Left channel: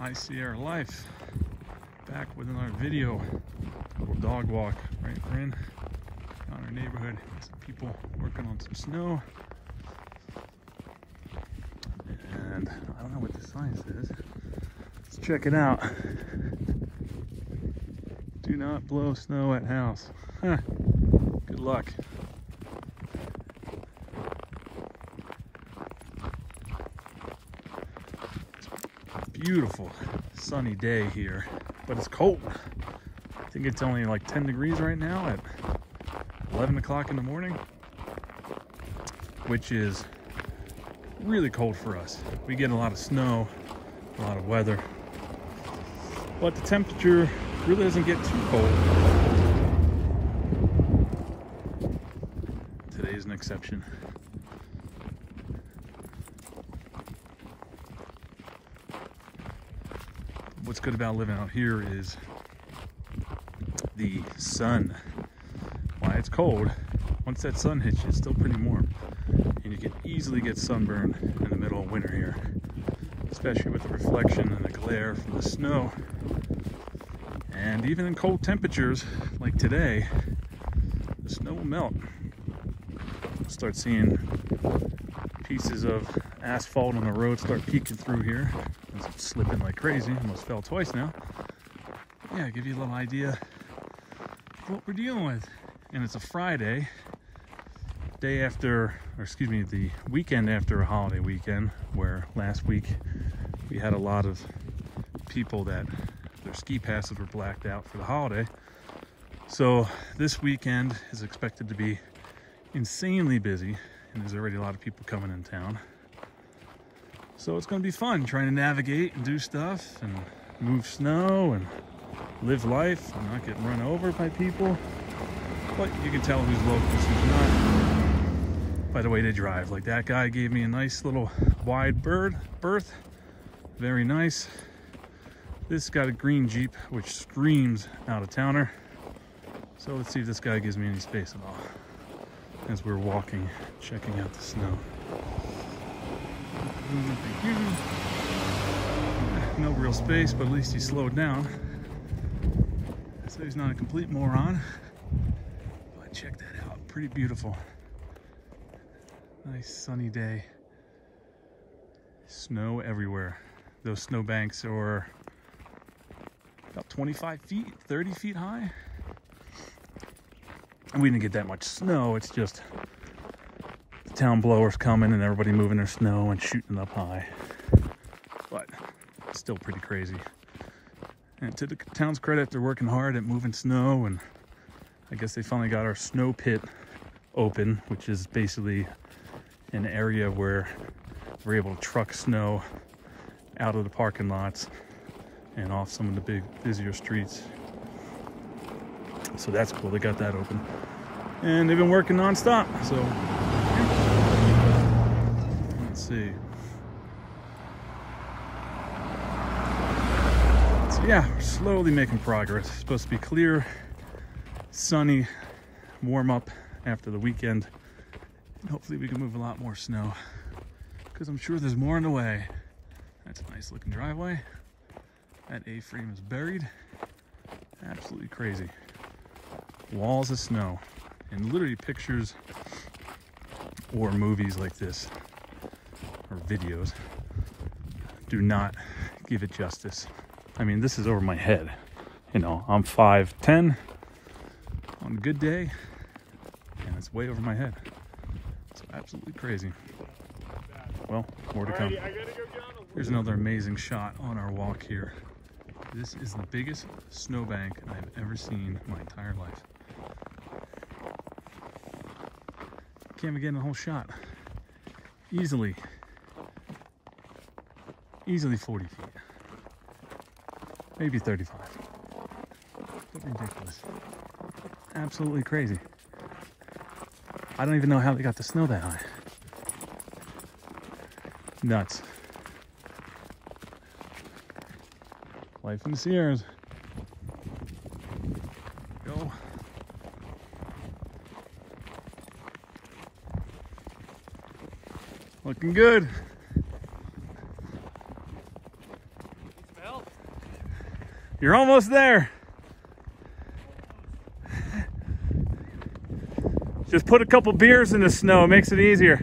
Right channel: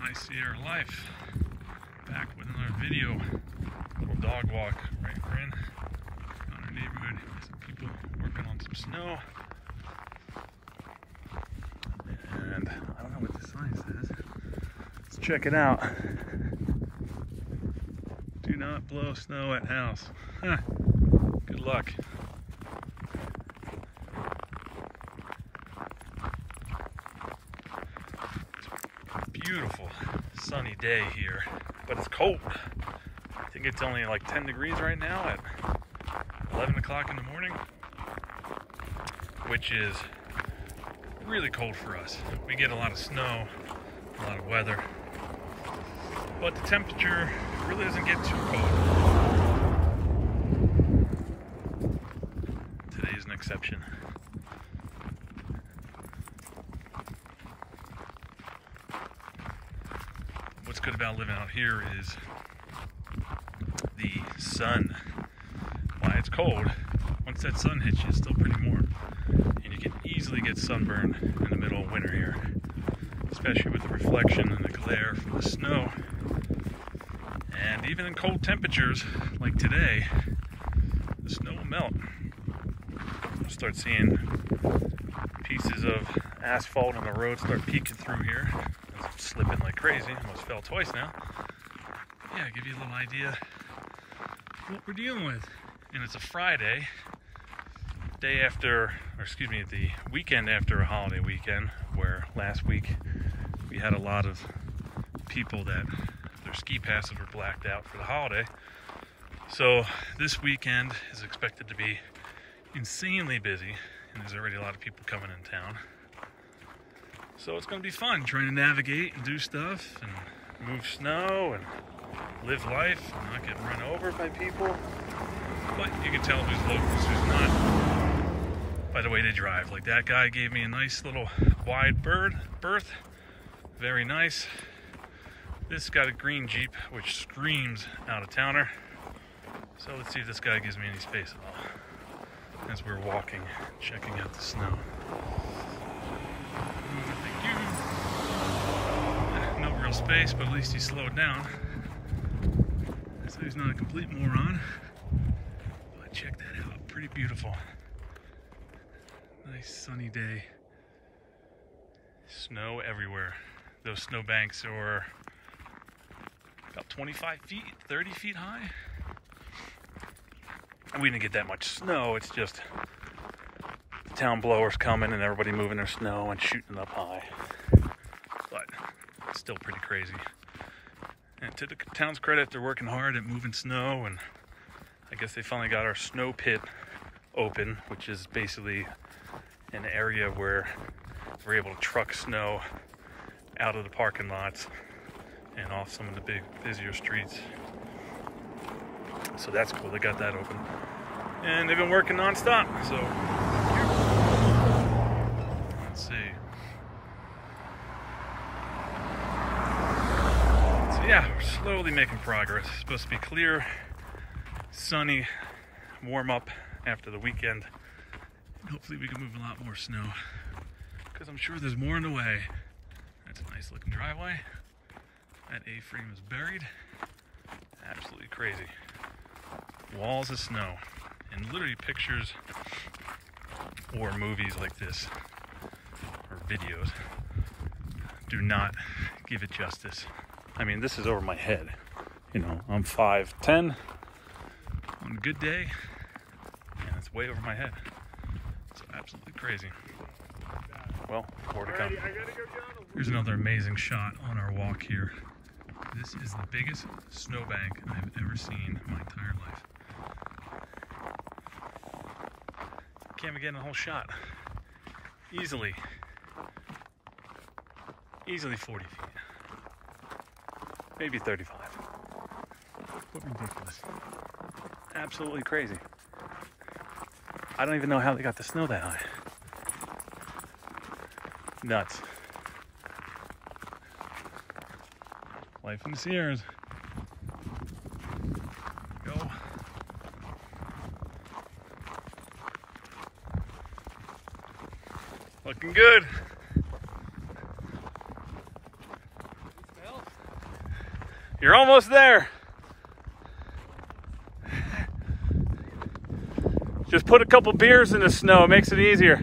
High Sierra Life, back with another video. Dog walk, right? We're in our neighborhood. Some people working on some snow. And I don't know what the sign says. Let's check it out. Do not blow snow at house. Huh. Good luck. Beautiful sunny day here, but it's cold. I think it's only like 10 degrees right now at 11 o'clock in the morning, which is really cold for us. We get a lot of snow, a lot of weather, but the temperature really doesn't get too cold. Today is an exception. What's good about living out here is the sun. It's cold. Once that sun hits you, it's still pretty warm. And you can easily get sunburned in the middle of winter here, especially with the reflection and the glare from the snow. And even in cold temperatures like today, the snow will melt. You'll start seeing pieces of asphalt on the road start peeking through here. I'm slipping like crazy. Almost fell twice now. Yeah, give you a little idea of what we're dealing with. And it's a Friday, day after, or excuse me, the weekend after a holiday weekend, where last week we had a lot of people that their ski passes were blacked out for the holiday. So this weekend is expected to be insanely busy, and there's already a lot of people coming in town. So it's going to be fun trying to navigate and do stuff and move snow and live life and not get run over by people. But you can tell who's locals, who's not by the way they drive. Like that guy gave me a nice little wide berth. Very nice. This got a green Jeep which screams out of towner. So let's see if this guy gives me any space at all as we're walking, checking out the snow. No real space, but at least he slowed down. So he's not a complete moron. But check that out, pretty beautiful. Nice sunny day. Snow everywhere. Those snow banks are about 25 feet, 30 feet high. We didn't get that much snow, it's just the town blowers coming and everybody moving their snow and shooting up high. But it's still pretty crazy. And to the town's credit, they're working hard at moving snow, and I guess they finally got our snow pit open, which is basically an area where we're able to truck snow out of the parking lots and off some of the big, busier streets. So that's cool, they got that open. And they've been working non-stop, so let's see. So yeah, we're slowly making progress. It's supposed to be clear, sunny, warm up after the weekend. And hopefully we can move a lot more snow, because I'm sure there's more on the way. That's a nice looking driveway. That A-frame is buried. Absolutely crazy. Walls of snow. And literally pictures or movies like this, or videos, do not give it justice. I mean, this is over my head. You know, I'm 5'10". On a good day, and it's way over my head. It's absolutely crazy. Well, more to come. Here's another amazing shot on our walk here. This is the biggest snowbank I've ever seen in my entire life. Can't even get in the whole shot. Easily 40 feet. Maybe 35. But ridiculous. Absolutely crazy. I don't even know how they got the snow that high. Nuts. Life in the Sierras. Go. Looking good. Smell? You're almost there. Just put a couple beers in the snow, it makes it easier.